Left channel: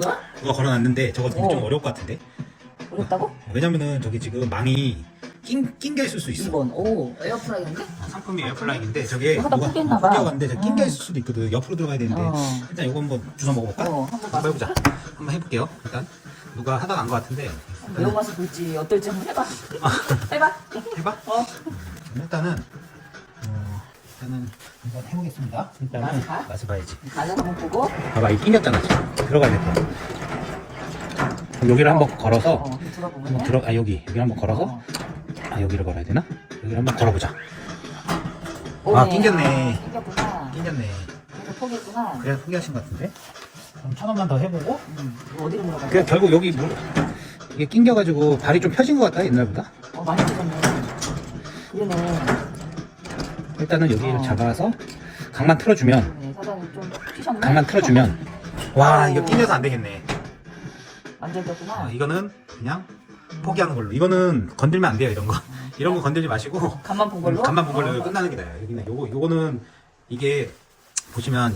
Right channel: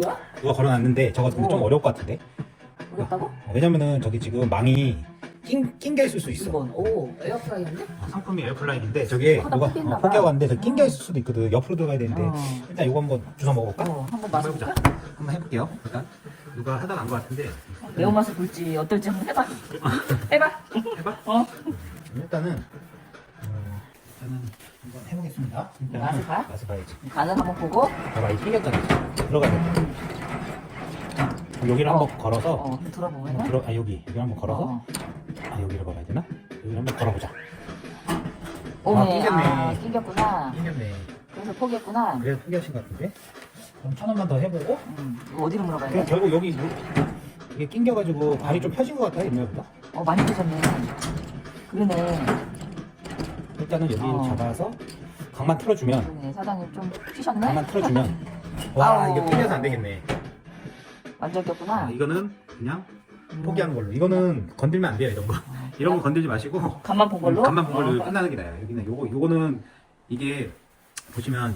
누가 걸어놨는데 저거 좀 어. 어려울 것 같은데 어렵다고? 어, 왜냐면은 저기 지금 망이 낀, 낀게 있을 수 있어 2번. 오, 에어프라이어인데? 아, 상품이 에어플라인인데 저게 하다 누가 어, 봐. 포기하고 저게 낀게 어. 있을 수도 있거든 옆으로 들어가야 되는데 어. 일단 이거 한번 주워 먹어볼까? 어, 한번 한번 해보자? 한번 해볼게요 일단 누가 하다 간 것 같은데 매운맛을 볼지 어떨지 한번 해봐. 해봐. 해봐 어. 어, 일단은 한번 해보겠습니다 일단은 맛을 봐? 맛을 봐야지 간을 한번 보고. 봐봐 이 낑겼잖아 지금. 들어가야 돼 여기를 한번 걸어서 어, 한번 들어보면. 들어 아 여기 여기 한번 걸어서 어. 아 여기를 걸어야 되나? 여기 한번 걸어보자. 아, 낑겼네. 아, 낑겼구나. 낑겼네 그래서 포기했구나. 그래 포기하신 것 같은데 그럼 천 원만 더 해보고 음, 어디로 물어봐야 그 돼? 결국 여기 물, 이게 낑겨가지고 발이 좀 펴진 것 같다 옛날보다 어, 많이 찢었네. 그러네. 일단은 여기를 어. 잡아서 강만 틀어주면 그러네. 사장님 좀 찢었네. 강만 틀어주면 와 이거 낑겨서 안 되겠네 완전 겼구나. 아, 이거는 그냥 포기하는 걸로 이거는 건들면 안 돼요 이런 거 이런 거 건들지 마시고 간만 본 걸로? 음, 간만 본 걸로 어. 끝나는 게 나아요 여기는 요거 요거는 이게 보시면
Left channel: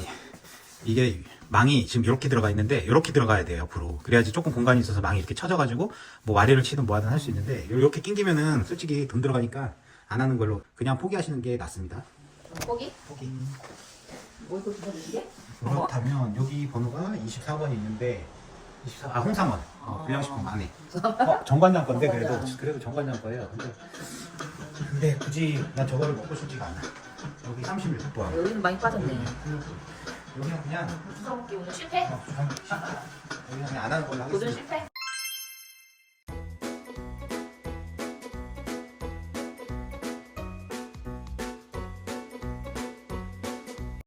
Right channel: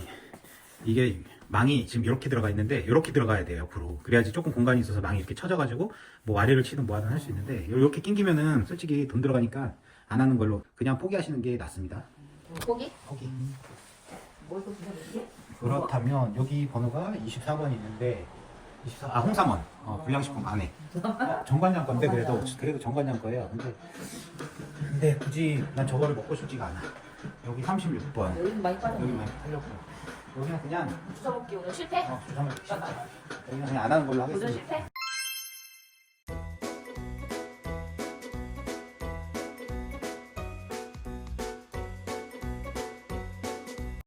이게 망이 지금 이렇게 들어가 있는데 이렇게 들어가야 돼요 옆으로 그래야지 조금 공간이 있어서 망이 이렇게 쳐져가지고 뭐 와리를 치든 뭐 하든 할 수 있는데 이렇게 낑기면은 솔직히 돈 들어가니까 안 하는 걸로 그냥 포기하시는 게 낫습니다 포기? 포기 뭐? 그렇다면 여기 번호가 24번이 있는데 24, 아 홍삼원 어, 불량식품 안에 어, 정관장 건데 그래도. 그래도 정관장 거예요 근데 근데 굳이 난 저거를 먹고 싶지가 않아 여기 36번 여기는 많이 빠졌네. 여기는 그냥 수사먹기 오늘 실패? 어, 주상 여기는 그냥 안 하는 걸로 하겠습니다 실패?